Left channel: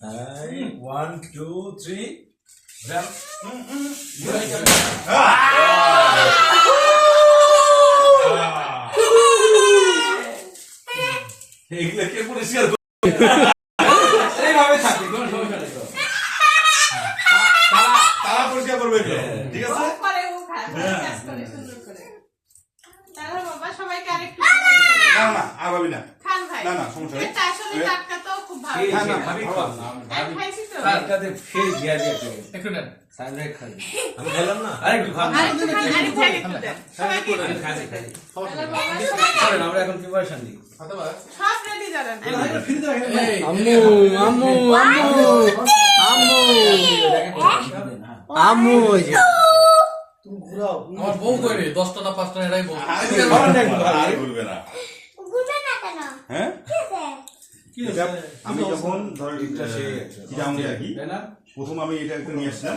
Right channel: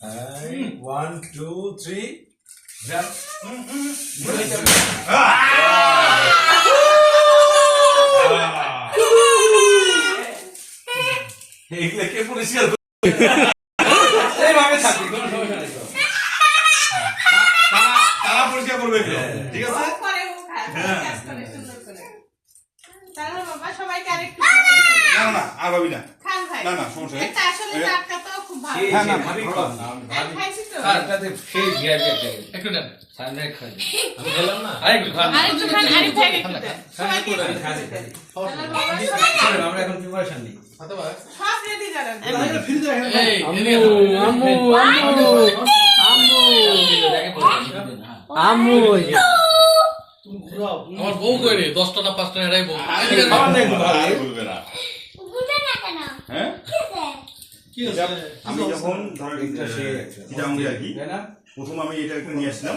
1 2 3 jump এইগুলা কে পরিষ্কার এইভাবে থাকে কোনো সমস্যা নেই তারা পরিষ্কার করবে ঠিক আছে করে ও খায় কাজ করে সুন্দর করে তাহলে বাবা সবাইকে আরেকটু না না আর ভাবি না খান ভাই না না সমস্যা নেই এটা আসলে টাটকা তো খুব ভালো হ্যাঁ না খাবি কম আমি খাইছি তো তারটাতে সেই ঘিয়া যেতে একটু দেন সামনে খাই আমি খেলাম না আরেকটু খান আরেকটু খান আরেকটু খান একটু দেন সবাইকে খাই খাই তাহলে বাবা সবাইকে আমরা এখন প্রিপারেশন নিই সব রেডি জানেন আম্মু আমার বউ কই রে 10টা না 5টা এরাই বউ আর বলবে না হ্যাঁ আমি যখন ধরেন চিটাগাং থাকি প্রথম আমি এটা একটু নিয়ে আসলাম